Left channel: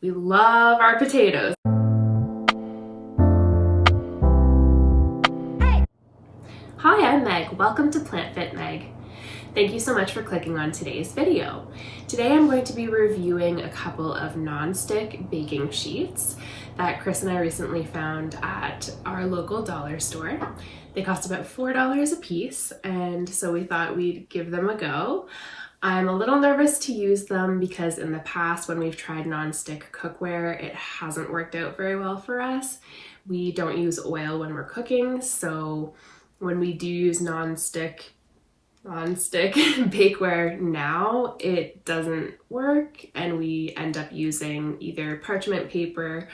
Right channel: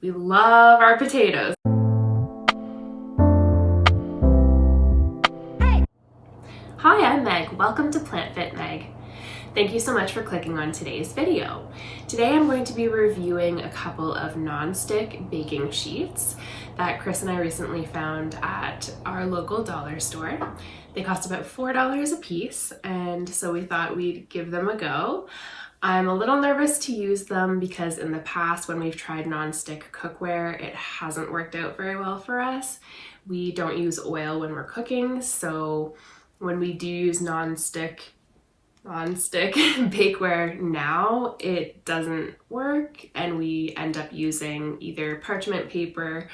We love our potatoes. Hi, I'm Meg. Welcome to Plant Fit Meg. Thank you so much for clicking on today's video. Today I'm going to be reviewing a couple of non-stick baking sheets that Chris and I recently found at our local dollar store. They cost about $4 a piece, and so we thought we'd give them a go. I'm a little nervous to use them because in the past when we've tried non-stick cookware, it hasn't worked out very well for us. We don't use oil when we're cooking, so when we do use non-stick bakeware now, it doesn't work and we end up using either parchment paper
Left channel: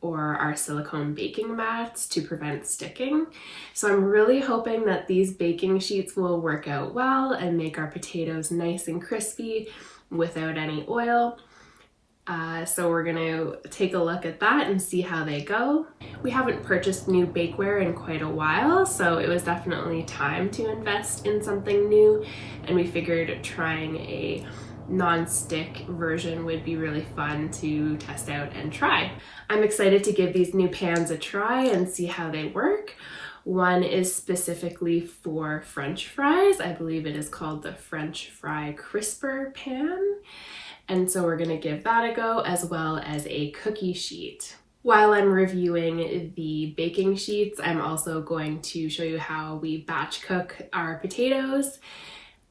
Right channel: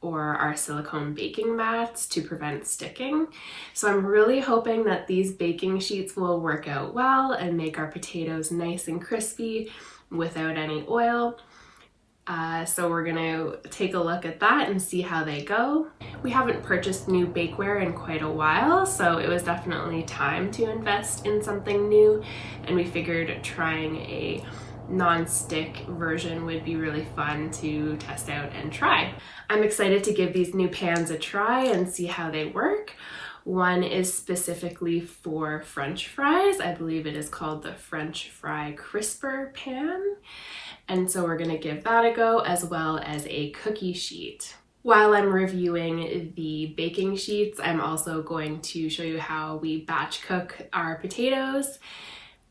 or our silicone baking mats to prevent sticking. So I'm really hoping that these baking sheets will work out well and make our potatoes nice and crispy without any oil. So we're gonna take a look at that and see how they go. We haven't purchased new bakeware in quite a while, so it was definitely time to invest in something new, and we figured trying a non-stick version would be really fun to test out and try. I'm excited to give these new pans a try and see how they work. One is specifically for French fries. I believe it is called the French Fry Crisper pan. And so we're gonna give that a go, as well as a cookie sheet. While I'm reviewing the baking sheets, I'm also going to show you how we batch cook our potatoes.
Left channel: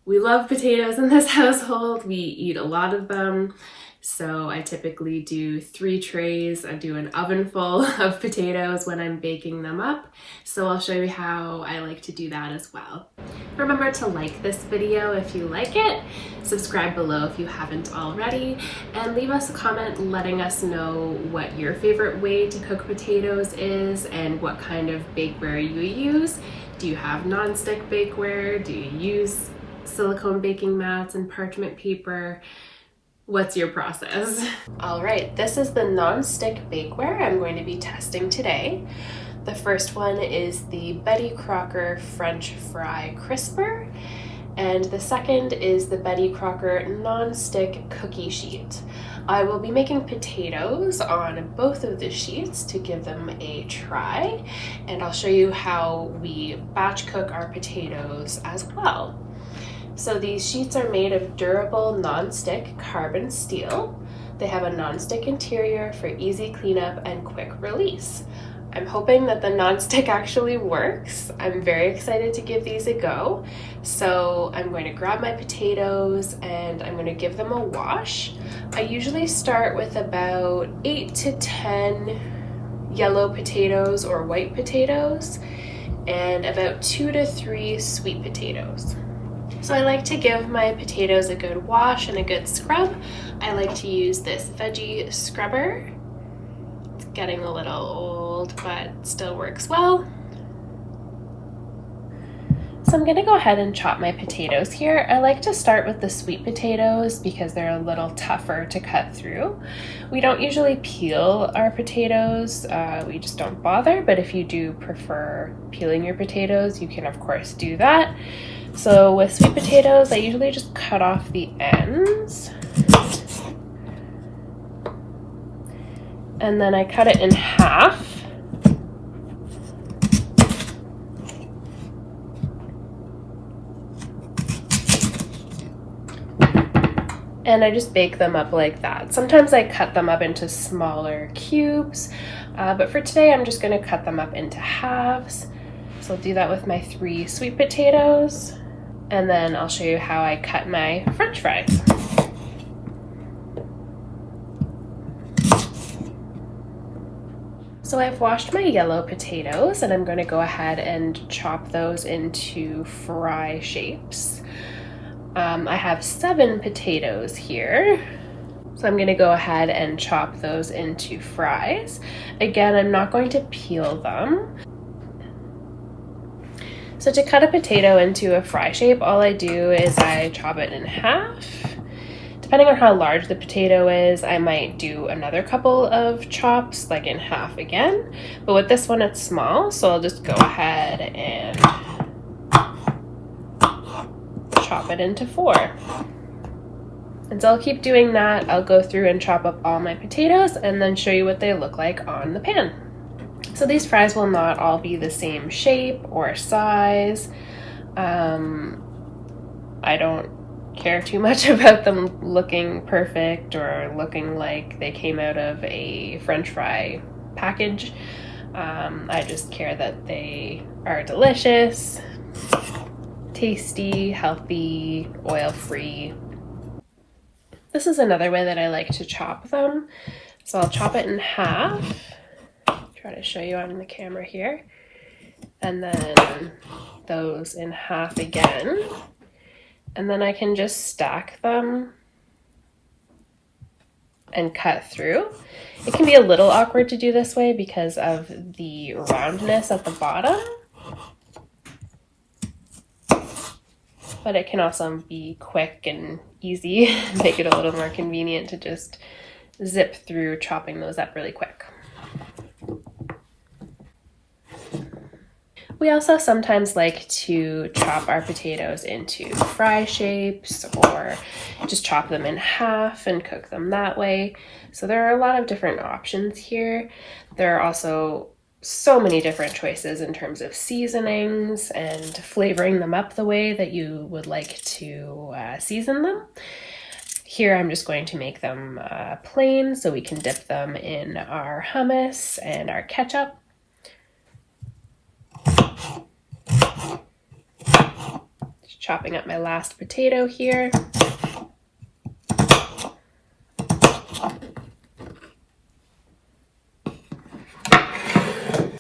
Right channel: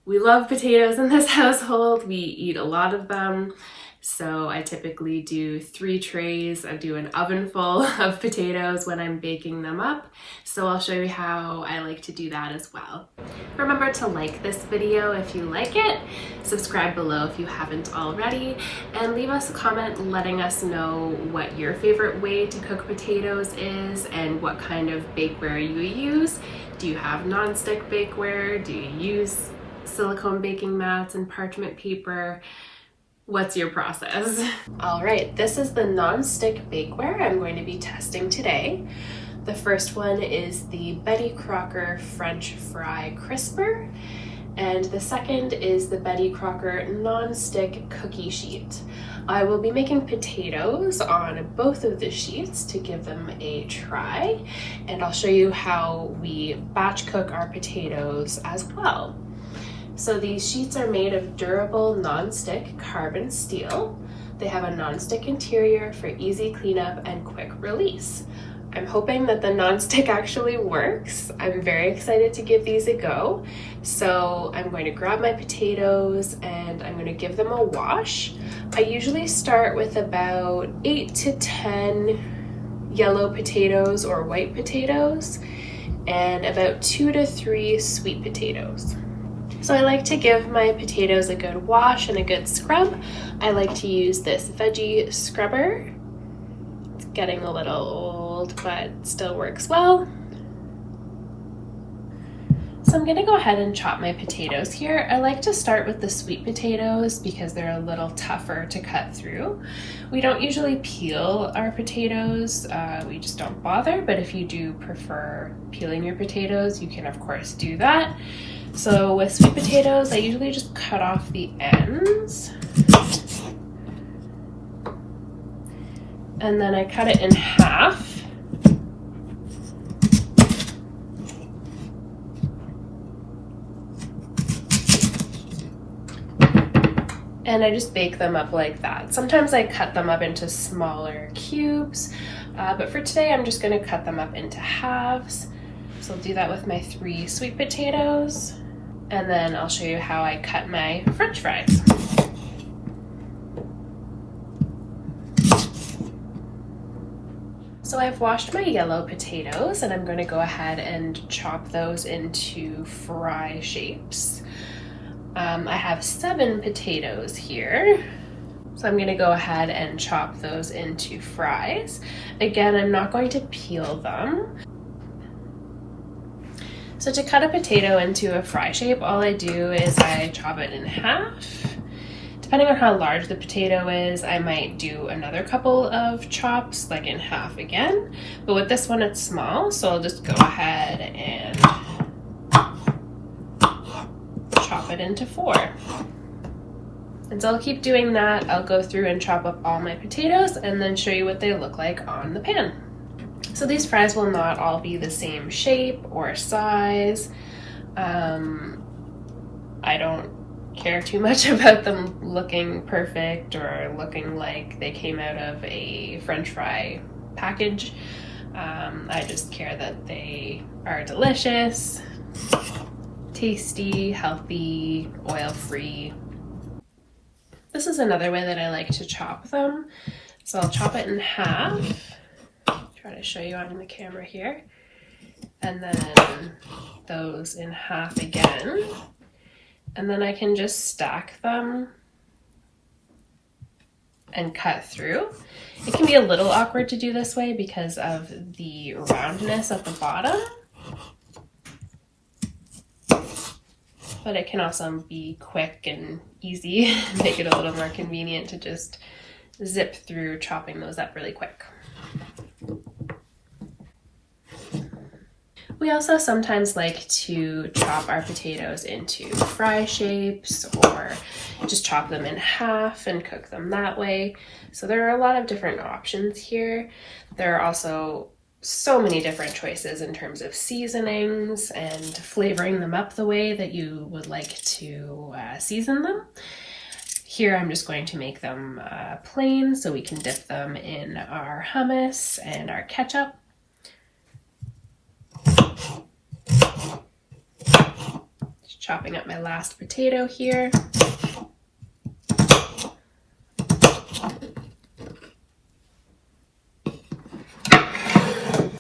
We love potatoes in this household. We eat a lot of them. So I typically do 3 trays. I do an oven full of potatoes when I'm baking them up. So I'll show you how I like to do that as well. Remember to like this video if you like it, subscribe below if you haven't already, and leave us a comment letting us know what your favorite way to cook potatoes is and what kind of bakeware you use. Do you have non-stick bakeware? Do you use silicone baking mats and parchment paper? What's your process? All right, this is the non-stick bakeware I'm going to be testing today. The first one is the Betty Crocker French Fry Crisper, and the second is the Betty Crocker non-stick cookie sheet. I will be making potatoes on both of the sheets to give them a try, and I'll show you how we batch cook our potatoes as well. So these sheets are made of durable non-stick carbon steel. They have a non-stick interior for easy cleanup and quick release. I'm hoping that the non-stick actually works. I'm very excited to give these a go. So I'm going to grab my potatoes and I'm going to give them a wash. I usually start with about 8 to 10 yellow potatoes or white potatoes and about 2 to 3 sweet potatoes. So I like to give my potatoes a good wash and a good scrub. I like to use this veggie scrubber. It's getting a little old, but still works well. So I'm gonna go ahead and chop my potatoes here. I like to start with the sweet potatoes because they're a little tougher to cut through. We don't usually peel our potatoes, we just don't bother, but if you do prefer peeling your potatoes, you can of course do that. So with sweet potatoes, I usually just cut off the ends. And then I cut it in half. And I just bake them up like that. Sometimes I cut them up into smaller cubes, but for today I'm just gonna cut them up into halves. So I'll do that with my 3 sweet potatoes, and then I'll show you how I cut my French fries. So I've washed my yellow potatoes and I'm going to go ahead and chop those into fry shapes. I have 7 potatoes here, so I'm going to go ahead and chop those into fries. Again, I'm not going to peel them. So to cut a potato into a fry shape, all I do is I chop it in half. Depending on how large the potato is, I might do another couple of chops, like in half again. But with this one, it's small, so I'll just go ahead and chop it into 4. And so I'll keep doing that. I'll go through and chop up all my potatoes and then show you what they look like on the pan. So these fries will not all be the same shape or size. I don't care too much about them looking perfect or looking like they came out of a French fry package. I just care that they are delicious, tasty, healthy, oil-free. This is another way that I like to chop them. So I'll chop it in half. Try to show you on the camera here. And then those in half again. And then I can just stack them and cut through. It can be a little awkward to do this way because of the roundness at the bottom. But it can also be quick and easy, make it a little more convenient to just zip through chopping those up really quick. We also sometimes like to chop our potatoes into fry shapes or just chop them in half and cook them that way. So there are a lot of different options here. There are also so many different choices in terms of seasonings and flavoring them up the way that you would like to season them. Here I'm just going to make them plain so we can dip them in our hummus and our ketchup. Just chopping up my last potato here.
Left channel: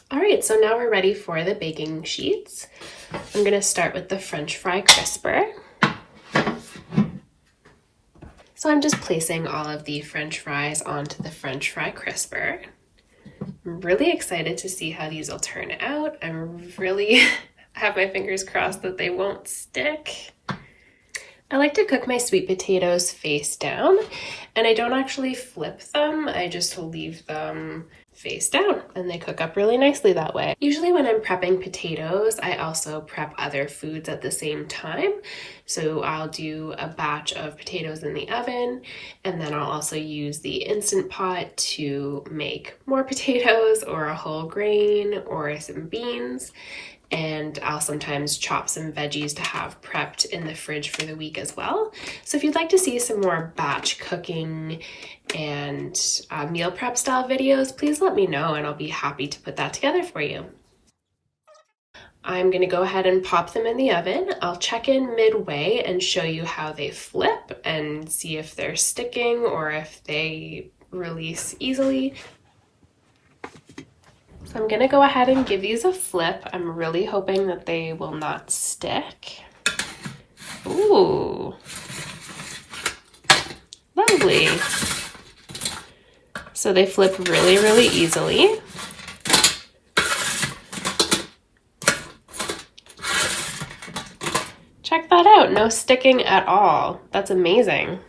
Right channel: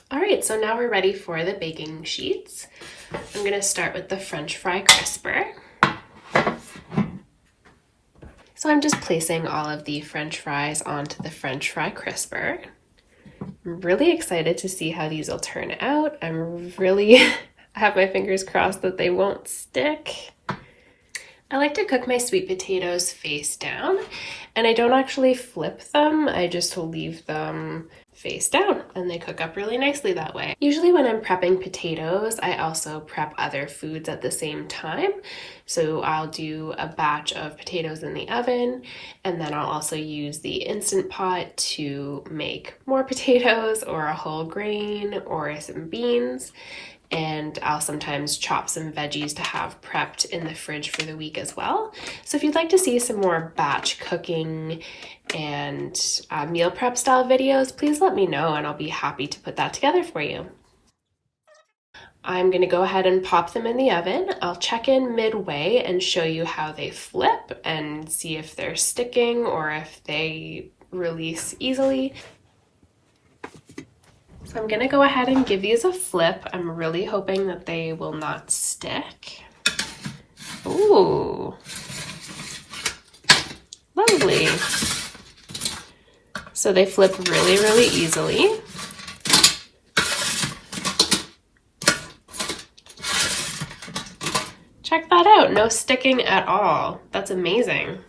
All right, so now we're ready for the baking sheets. I'm gonna start with the French fry crisper. So I'm just placing all of the French fries onto the French fry crisper. I'm really excited to see how these will turn out. I'm really have my fingers crossed that they won't stick. I like to cook my sweet potatoes face down, and I don't actually flip them. I just leave them face down and they cook up really nicely that way. Usually when I'm prepping potatoes, I also prep other foods at the same time. So I'll do a batch of potatoes in the oven, and then I'll also use the Instant Pot to make more potatoes or a whole grain or some beans. And I'll sometimes chop some veggies to have prepped in the fridge for the week as well. So if you'd like to see some more batch cooking and meal prep style videos, please let me know and I'll be happy to put that together for you. I'm gonna go ahead and pop them in the oven. I'll check in midway and show you how they flip and see if they're sticking or if they release easily. So I'm gonna go ahead and give these a flip. I'm really hoping that they will not stick. Ooh, lovely. So they flip really, really easily. Check that out, no sticking at all. That's amazing.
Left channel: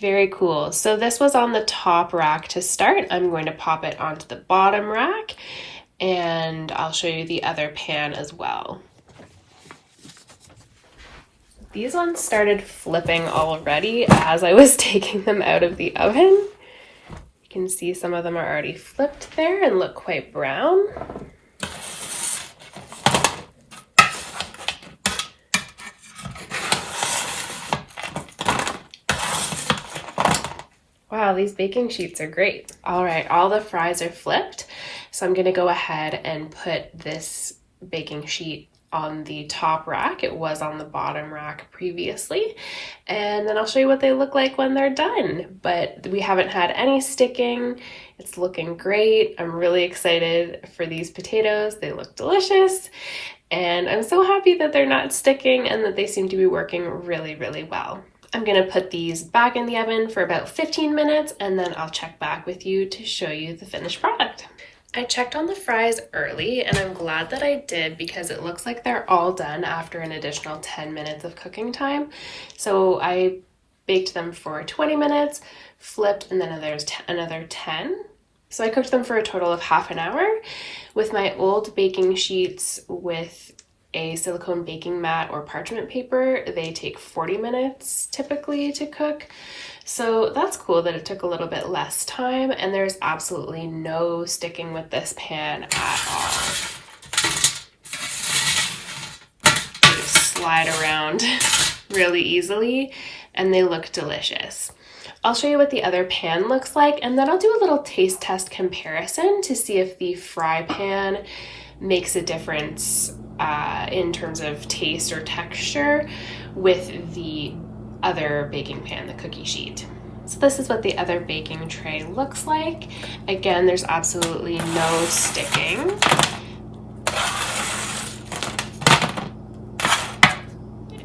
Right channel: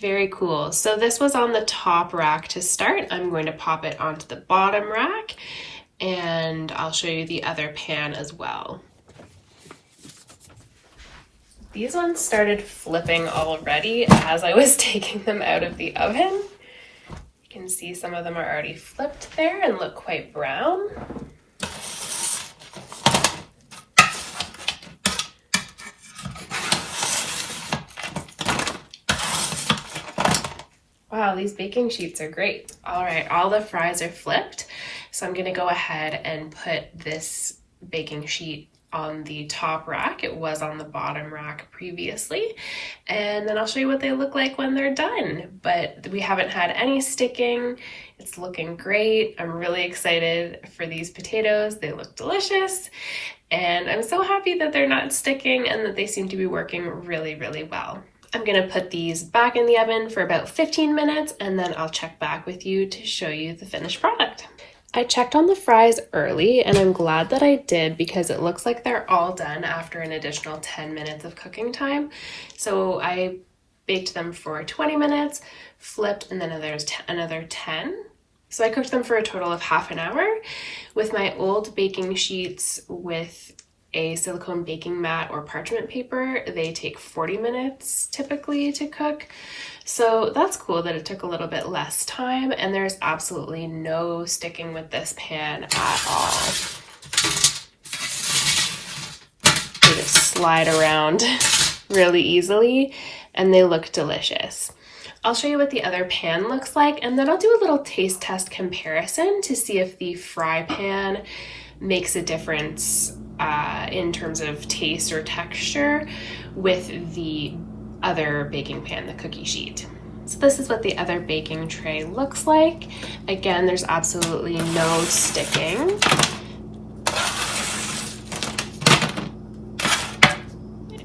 Very cool. So this was on the top rack to start. I'm going to pop it onto the bottom rack and I'll show you the other pan as well. These ones started flipping already as I was taking them out of the oven. You can see some of them are already flipped there and look quite brown. Wow, these baking sheets are great. All right, all the fries are flipped. So I'm gonna go ahead and put this baking sheet on the top rack. It was on the bottom rack previously. And then I'll show you what they look like when they're done. But we haven't had any sticking. It's looking great. I'm really excited for these potatoes. They look delicious. And I'm so happy that they're not sticking and that they seem to be working really, really well. I'm gonna put these back in the oven for about 15 minutes and then I'll check back with you to show you the finished product. I checked on the fries early and I'm glad that I did because it looks like they're all done after an additional 10 minutes of cooking time. So I baked them for 20 minutes, flipped, and then there's another 10. So I cooked them for a total of half an hour. With my old baking sheets with a silicone baking mat or parchment paper, they take 40 minutes typically to cook. So that's cool that it took a little bit less time, and there's absolutely no sticking with this pan at all. They just slide around really easily and they look delicious. I'll show you what the other pan looks like, and then I'll do a little taste test comparison to see if the fry pan makes a difference in terms of taste or texture with the other baking pan, the cookie sheet. So this is what the other baking tray looks like. Again, there's absolutely no sticking.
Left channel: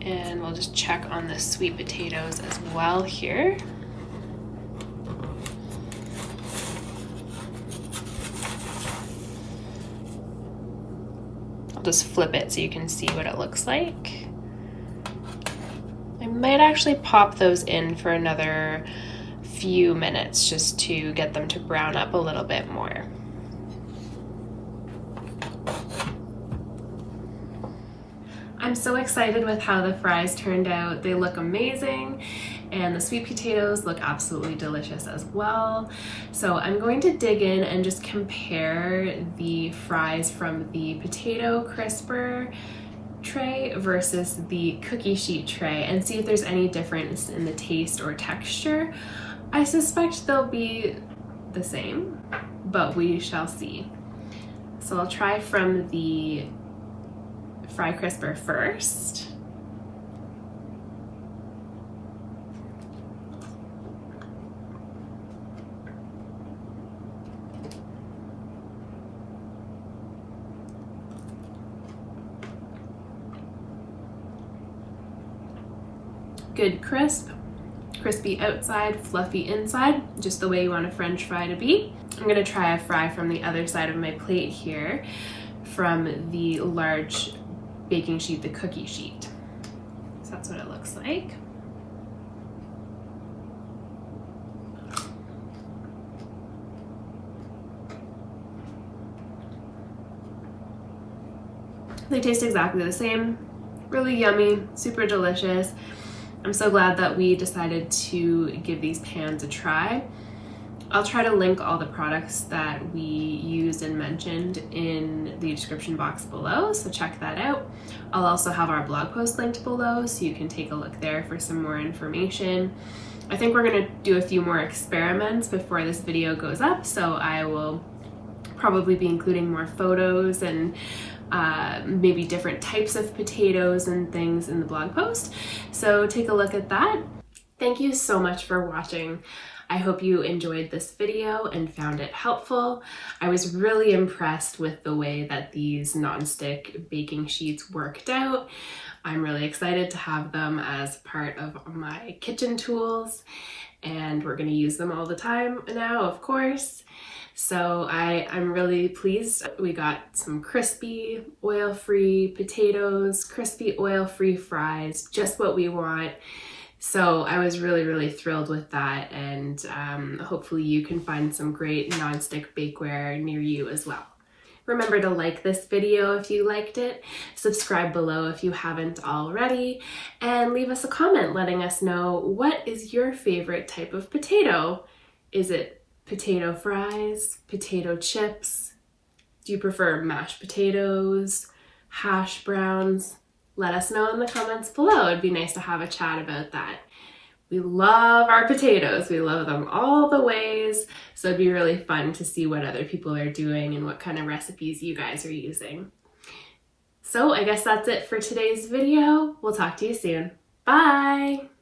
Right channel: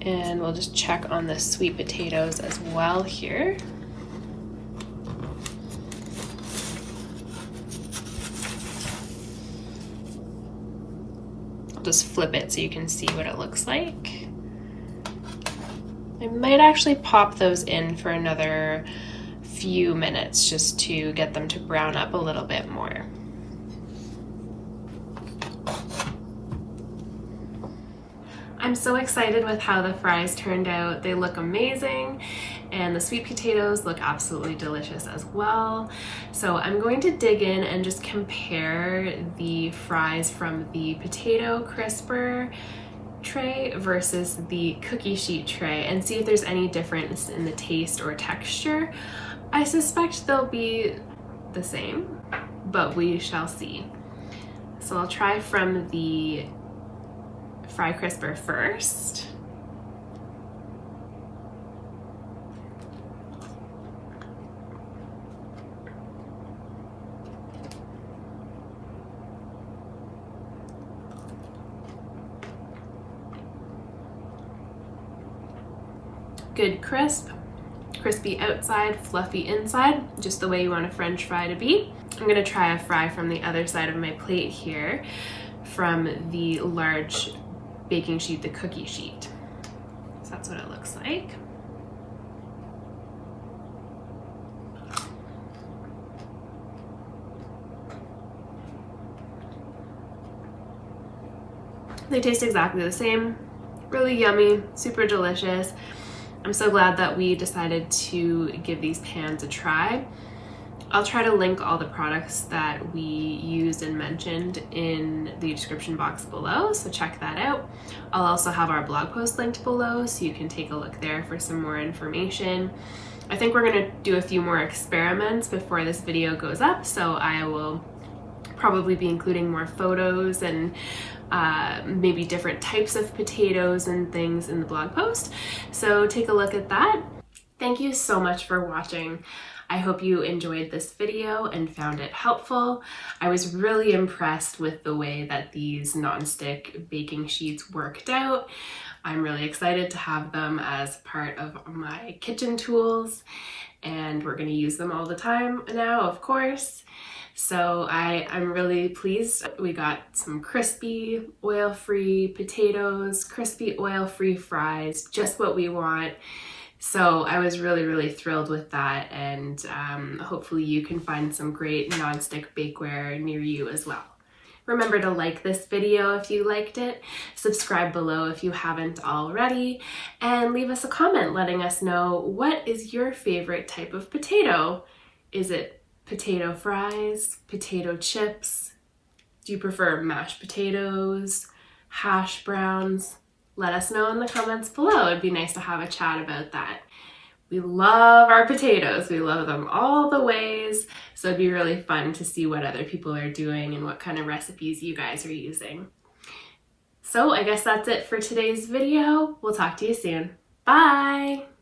And we'll just check on the sweet potatoes as well here. I'll just flip it so you can see what it looks like. I might actually pop those in for another few minutes just to get them to brown up a little bit more. I'm so excited with how the fries turned out. They look amazing, and the sweet potatoes look absolutely delicious as well. So I'm going to dig in and just compare the fries from the potato crisper tray versus the cookie sheet tray and see if there's any difference in the taste or texture. I suspect they'll be the same, but we shall see. So I'll try from the fry crisper first. Good crisp, crispy outside, fluffy inside, just the way you want a French fry to be. I'm gonna try a fry from the other side of my plate here, from the large baking sheet, the cookie sheet. So that's what it looks like. They taste exactly the same, really yummy, super delicious. I'm so glad that we decided to give these pans a try. I'll try to link all the products that we used and mentioned in the description box below, so check that out. I'll also have our blog post linked below, so you can take a look there for some more information. I think we're gonna do a few more experiments before this video goes up, so I will probably be including more photos and maybe different types of potatoes and things in the blog post. So take a look at that. Thank you so much for watching. I hope you enjoyed this video and found it helpful. I was really impressed with the way that these nonstick baking sheets worked out. I'm really excited to have them as part of my kitchen tools, and we're going to use them all the time now, of course. So I'm really pleased. We got some crispy, oil-free potatoes, crispy, oil-free fries, just what we want. So I was really, really thrilled with that, and hopefully you can find some great nonstick bakeware near you as well. Remember to like this video if you liked it, subscribe below if you haven't already, and leave us a comment letting us know what is your favorite type of potato. Is it potato fries, potato chips? Do you prefer mashed potatoes, hash browns? Let us know in the comments below. It'd be nice to have a chat about that. We love our potatoes. We love them all the ways. So it'd be really fun to see what other people are doing and what kind of recipes you guys are using. So I guess that's it for today's video. We'll talk to you soon. Bye!